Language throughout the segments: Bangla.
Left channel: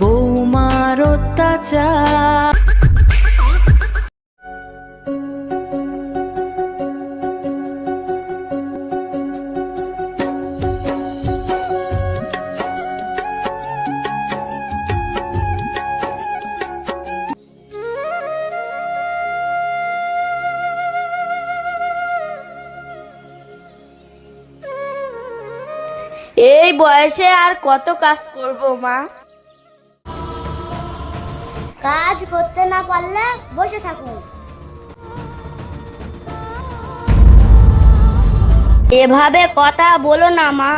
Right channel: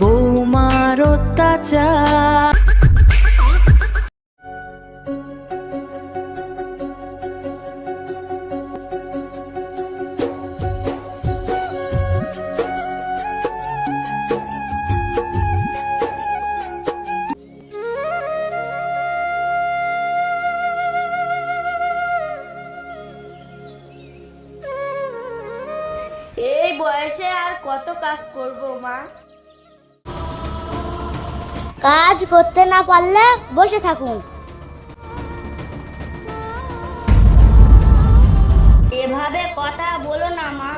বৌমার অত্যাচার। এই বয়সে আর কত কাজ করব মা? কাজ করতে না পারলে বসে থাকুন। এভাবে কথা বলো না মা।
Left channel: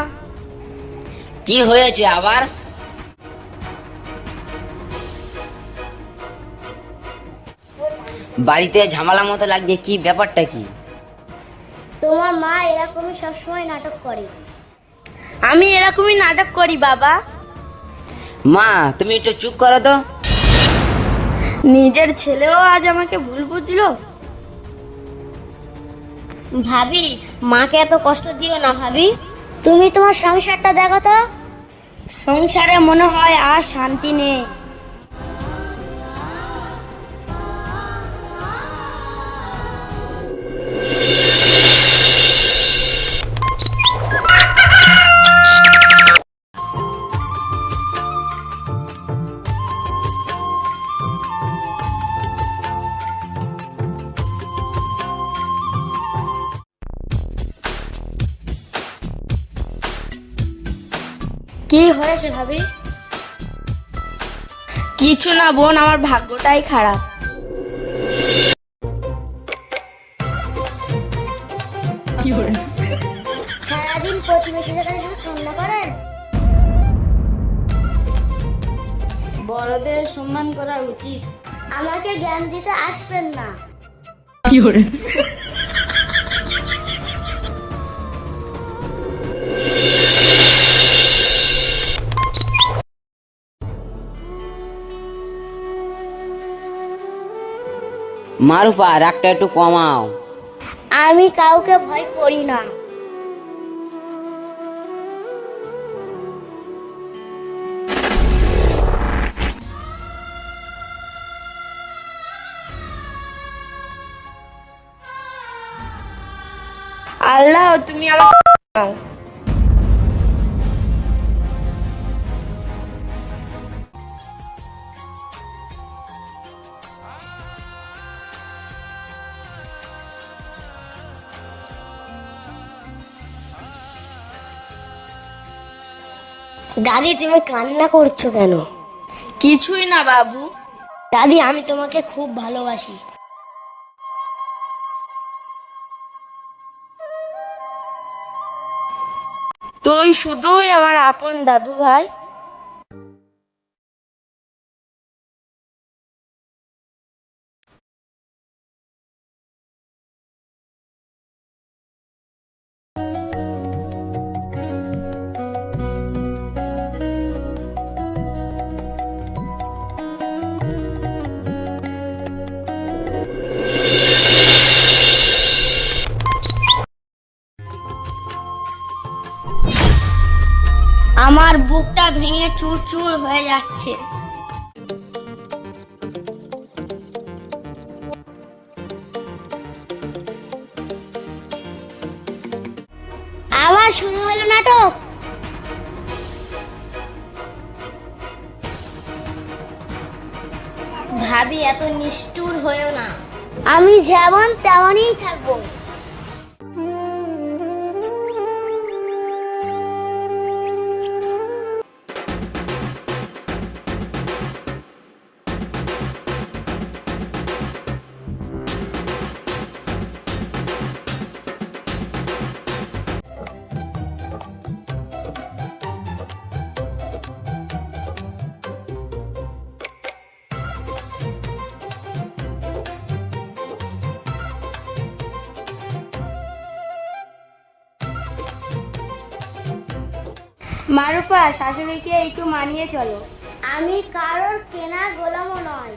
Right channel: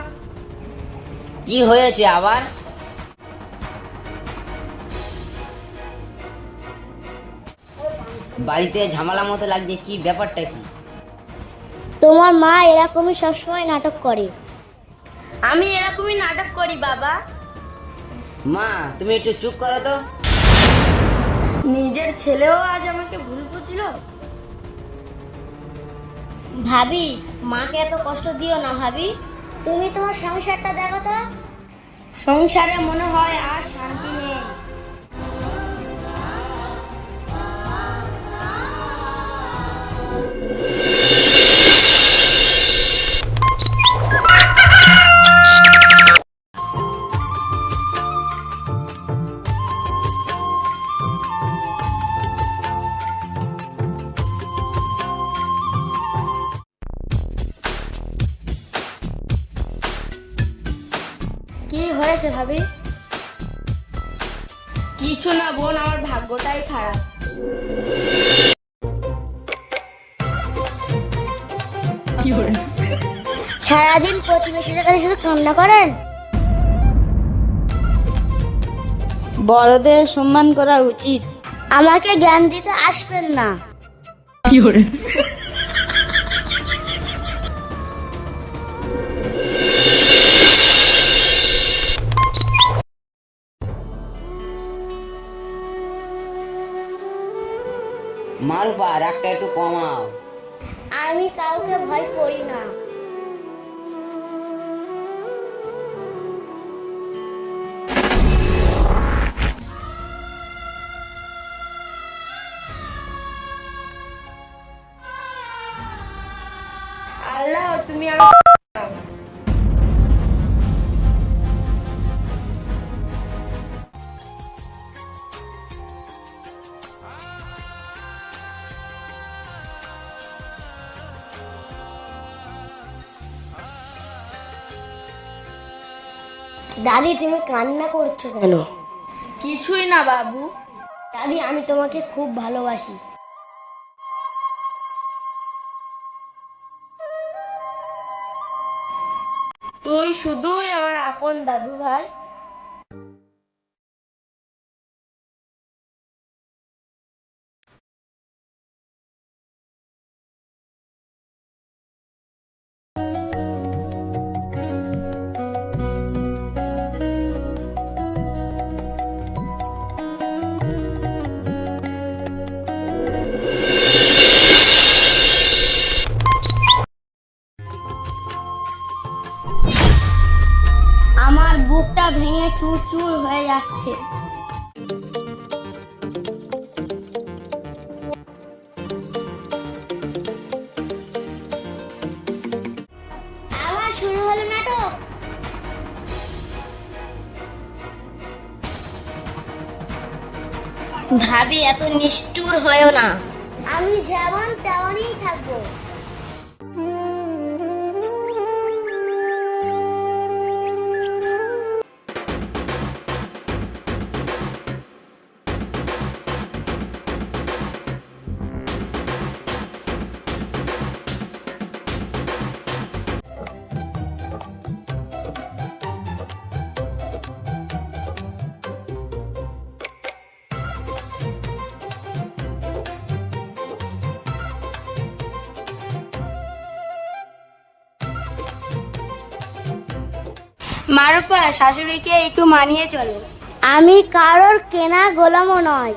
কি হয়েছে আবার? বাড়িতে ঝামেলার মতো লাগছে, কি ব্যাপারটা কি? তোমার মা এরকমই সবসময় নাটক করে। আমি এরকমই নাটক করি বাবা। মা তুমি একটু চুপ করো তো। নিজের ছেলেও আজ আমাকে ভুল বুঝলো। ভাবি, মাকে এত কষ্ট দিও না ভাবি। তুমি তোমার সংসারটা দেখো তো। সংসারে মনে হয় আর শান্তি নেই। কি হয়েছে ভাবি? কিছু না বোন, আমার ভাগ্যটাই খারাপ। সারাদিন প্রতিবেশীদের কাছে শুধু কান্না করেন। বড়দের সম্মান করা উচিত। আমাকে জ্ঞান দিতে আসবেন না। মারুফা রাগটা একটু কমাও। আমি কাউকে ভয় করি না। আল্লাহ তুমি আমার দাদি, তুমি কান্না করছো কেন? কিছুই না বাবু। দাদি, আমি তোমাকে খুব ভালোবাসি। তুই শুধুই আমার আপন দাদু ভাই। আমার বুকটা ভেঙে চুরচুর হয়ে যাচ্ছে। আবার শুরু হলো নাটক। ভাবি, এত নিষ্ঠুর হয়েও না। আমি যেমন তেমনই থাকবো। মারুফা, শাশুড়িকে একটু মানিয়ে চলো। আমি কারোর কেনা গোলামও নয়।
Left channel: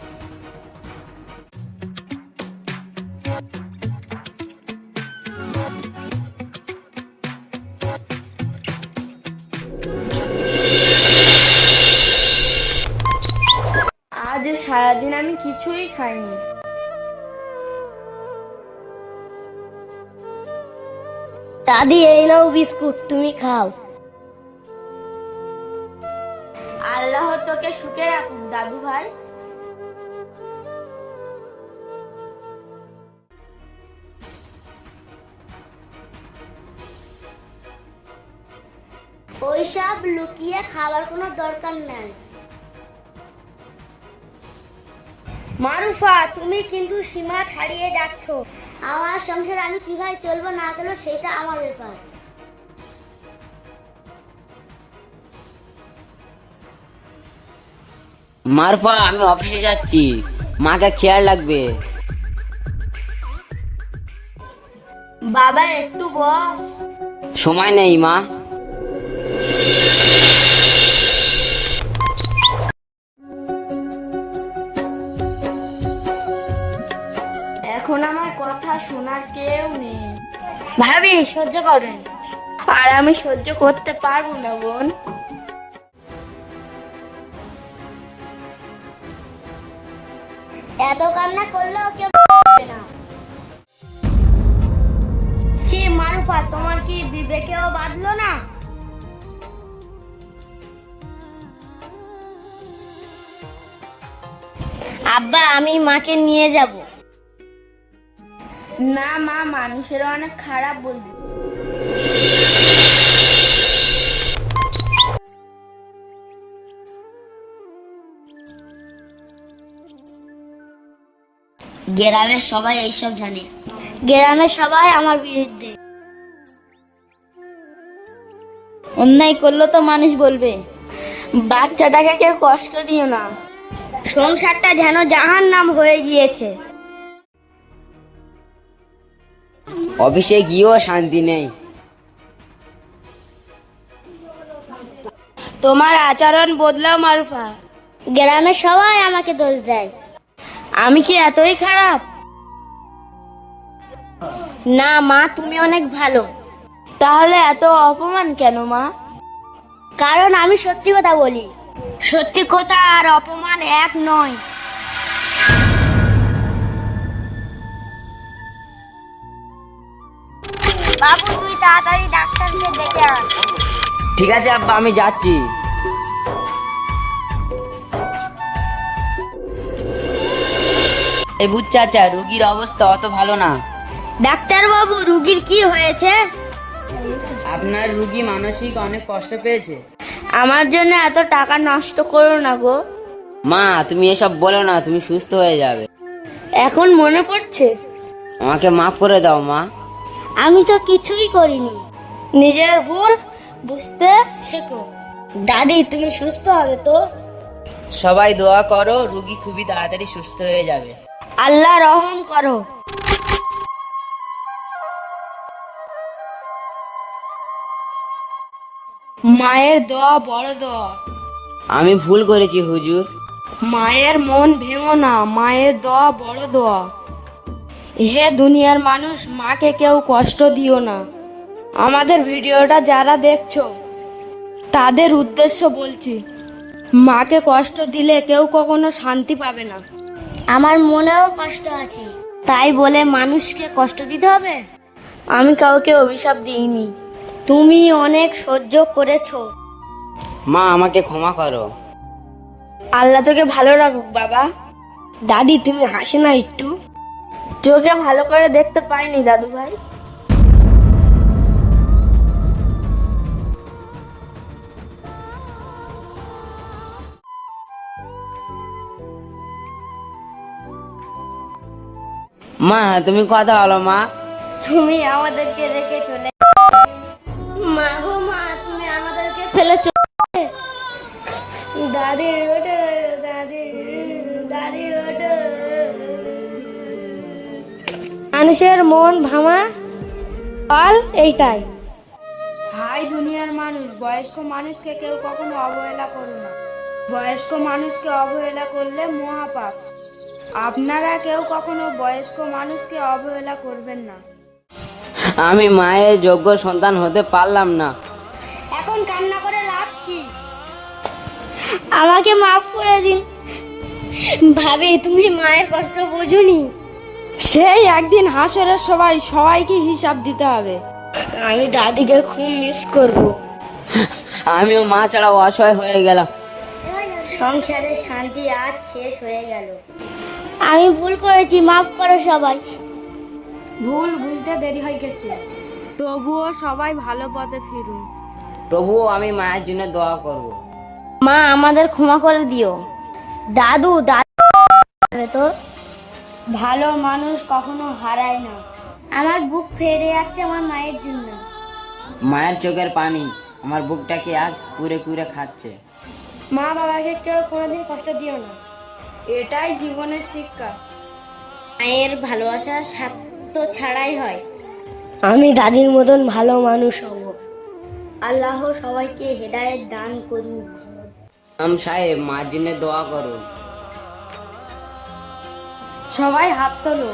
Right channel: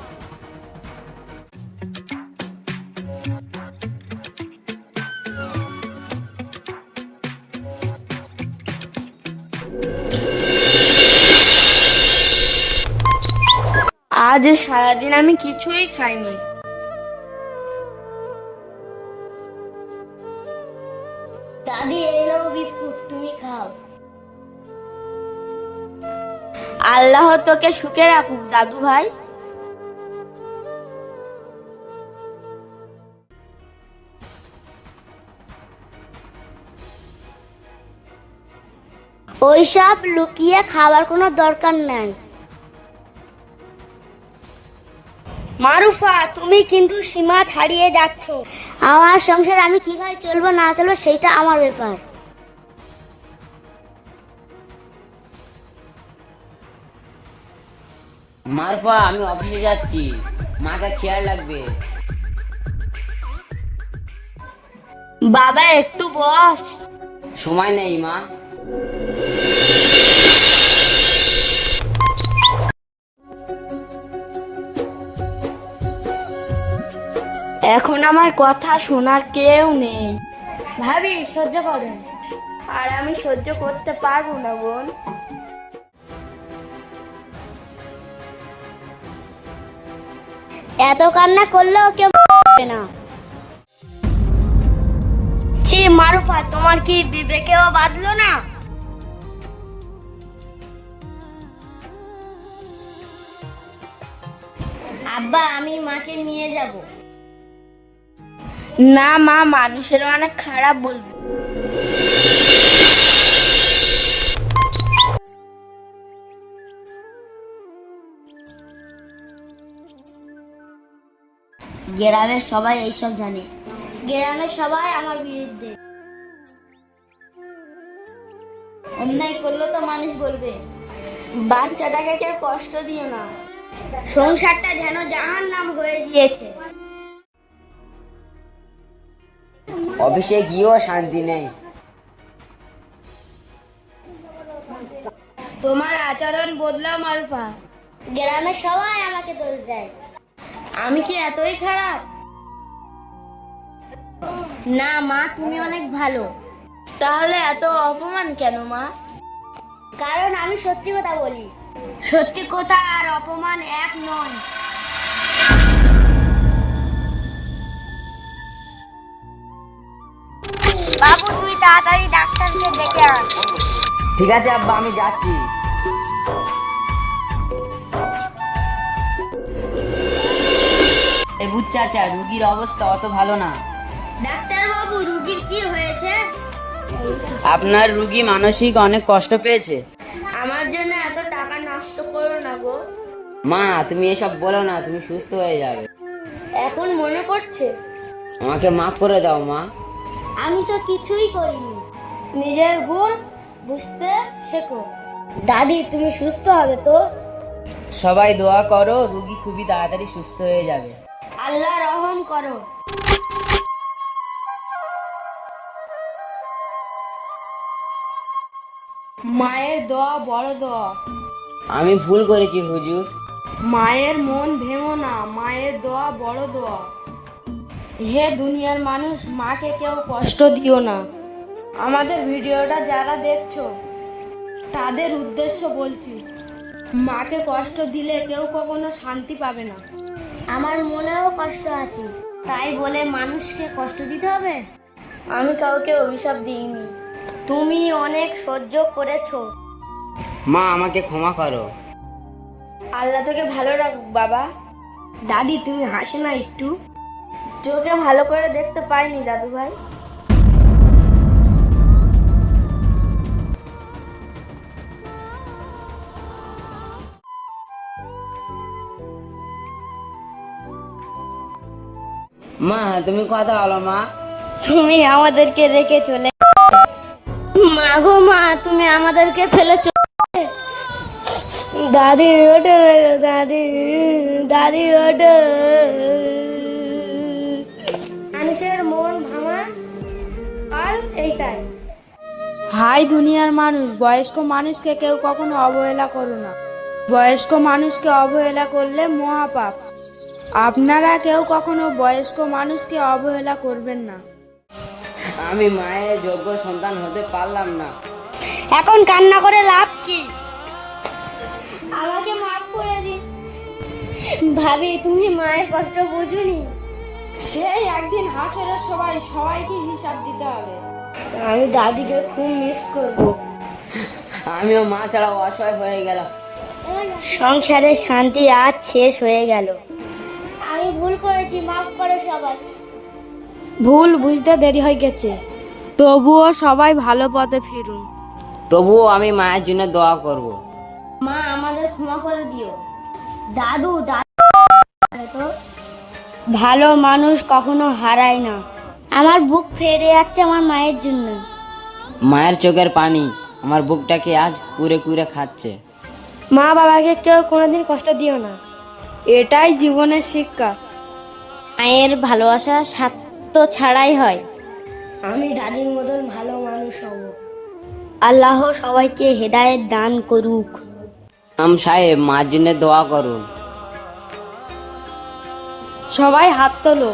আজ সারাদিন আমি কিছুই খাইনি। দাদি এই নাও বিস্কুট, তুমি খাও। আল্লাহ তোকে সুখে রাখুক দাদু ভাই। ওইসব লুকিয়ে খাবার কোনো দরকার নাই। মারুফা, তুমি কিন্তু সীমা ছাড়িয়ে যাচ্ছ। আমার সংসার আমি কিভাবে চলবো না চলবো সেটা আমার ব্যাপার। মারুফা, আমি অফিসে যাচ্ছি, মাকে খেয়াল রাখবে। বাবা একটু বস। সময় নেই মা। এখন আমার কথা শোনার কেউ নেই। ভাবি সহ্য করেন। আর আমি সহ্য করতে পারবো না বোন। এত কান্না করলেও কেউ পারে না। ছি মারুফা, তোমার কি বিবেকেও বাঁধলো না? আব্বা, আমি মাকে নিয়ে যাব। না মা, মানুষের অনেক খারাপ বলবে। গ্রামের সবাই এইসব জানে। গ্রামের সবাই আমার বিরুদ্ধে। অন্যায় করলে তো মানুষ বলবে। বাচ্চাটাকে কেউ কষ্ট দিও না। সংসারটা যেন জাহান্নাম হয়ে গিয়েছে। অফিসে গিয়েও শান্তি নেই। তোমার আচরণ বদলাও মারুফা। গ্রামের সবাই আমাকে দোষ দেয়। আমি কি এতই খারাপ? না মা, তুমি অনেক ভালো। তাহলে এত অপমান কেন মা? কারণ আমি সত্যি কথা বলি। সত্যি কথা আর অপমান এক নয়। বাবু, তুই তাড়াতাড়ি ডাক্তারকে ডেকে আন। ঠিক আছে আব্বা, আমি যাচ্ছি। এই বুঝ চাচা, রুগীর অবস্থা অত ভালো না। ডাক্তার বাবু, রুগীর কি হয়েছে? আপনার রুগী মানসিক অনেক কষ্ট পেয়েছে। আমার জন্য এত টাকা নষ্ট করো না গো। মা, তুমি এসব বলো না, তুমি সুস্থ হয়ে যাবে। এখন মনে পড়ছে। আমাকে মাফ করে দাও মা। আমি তো কিছুই করিনি। নিজের ভুল বুঝতে শেখো। দাদি, তুমি সুস্থ হবে তো? সবাই দোয়া করো, রুগী খুবই তাড়াতাড়ি সুস্থ হয়ে যাবে। আল্লাহ রহম করো। মায়ের দোয়া বড় দোয়া। আমি ভুল করেছি হুজুর। মায়ের মন ভেঙো না, মায়ের দোয়া বড় দোয়া। হে দুনিয়ার মানুষ, মাকে কেউ কষ্ট দিও না। আমাদের ভিডিওটা যারা দেখছো তাদের উদ্দেশ্য বলছি, মাকে কষ্ট দিলে কেউ কখনো শান্তি পাবে না। আমার মনেও কষ্ট আছে, তাই বলে মানুষকে কষ্ট দিতে হবে? আমি কাউকে অভিশাপ দিইনি। তুমি অনেক সহ্য করেছো। মা, আমাকে ক্ষমা করো। আল্লাহ তোকে ভালো রাখুক বাবা। দাদি, তুমি হাসো না একটু। চোখে ভালো করে দেখতে পাইনি দাদু ভাই। মা, তুমি কথা বলো মা। তুমি আমাদেরকে রেখে চলে। মা গো মা, তুমি আমাদেরকে ফেলে চলে। দাদি ওঠো, দাদি, দাদি ওঠো। মানুষের মন ভাঙা ফল এইটাই। হাই দুনিয়ার মানুষ, বয়স্ক মানুষকে কেউ কখনো অবহেলা করো না। বয়স্ক মানুষকে অবহেলা করলে মহাপাপ। আপনারা কেউ কখনো বয়স্ক মানুষকে অবহেলা করবেন না। আমি মায়ের যোগ্য সন্তান হতে পারলাম না। এখন কান্না করে লাভ কি? আমাকে মাফ করে দিন। ভাবি তুমি মায়ের কষ্ট বুঝুনি? সেই একদিন হাসরের সবাইকে হিসাব দিতে হবে। আমি দাদিকে খুব মিস করব। আমিও মা ছাড়া অসহায় হয়ে গেলাম। সংসারে শান্তি আজ শেষ হয়ে গেল। আমি ভুল করেছি, মাফ করো সবাই। ভুল বুঝতে দেরি হয়ে গেছে, তবুও সবাই ভালো পথে ফিরুন। তবুও আমি মায়ের জন্য দোয়া করব। মা আমাদের ক্ষমা করে দিও। দাদু তো ভালো মানুষ কখনো হারায় না। আমার বুক ফেটে যাচ্ছে আমার মায়ের জন্য। মায়ের চোখের পানি আমার বুকটাকে আজ কুরে কুরে খাচ্ছে। মা বাবাকে কেউ কোনোদিন কষ্ট দিও না, এটাই জীবনের শিক্ষা। মায়ের ভালোবাসা স্বার্থ ছাড়াই হয়। আমি দাদির মতন ভালো মানুষ হব। আল্লাহ সবাইকে হেদায়েত দান করুক। সাহেব মার জন্য দোয়া করুন। সবাই হাত তোলো।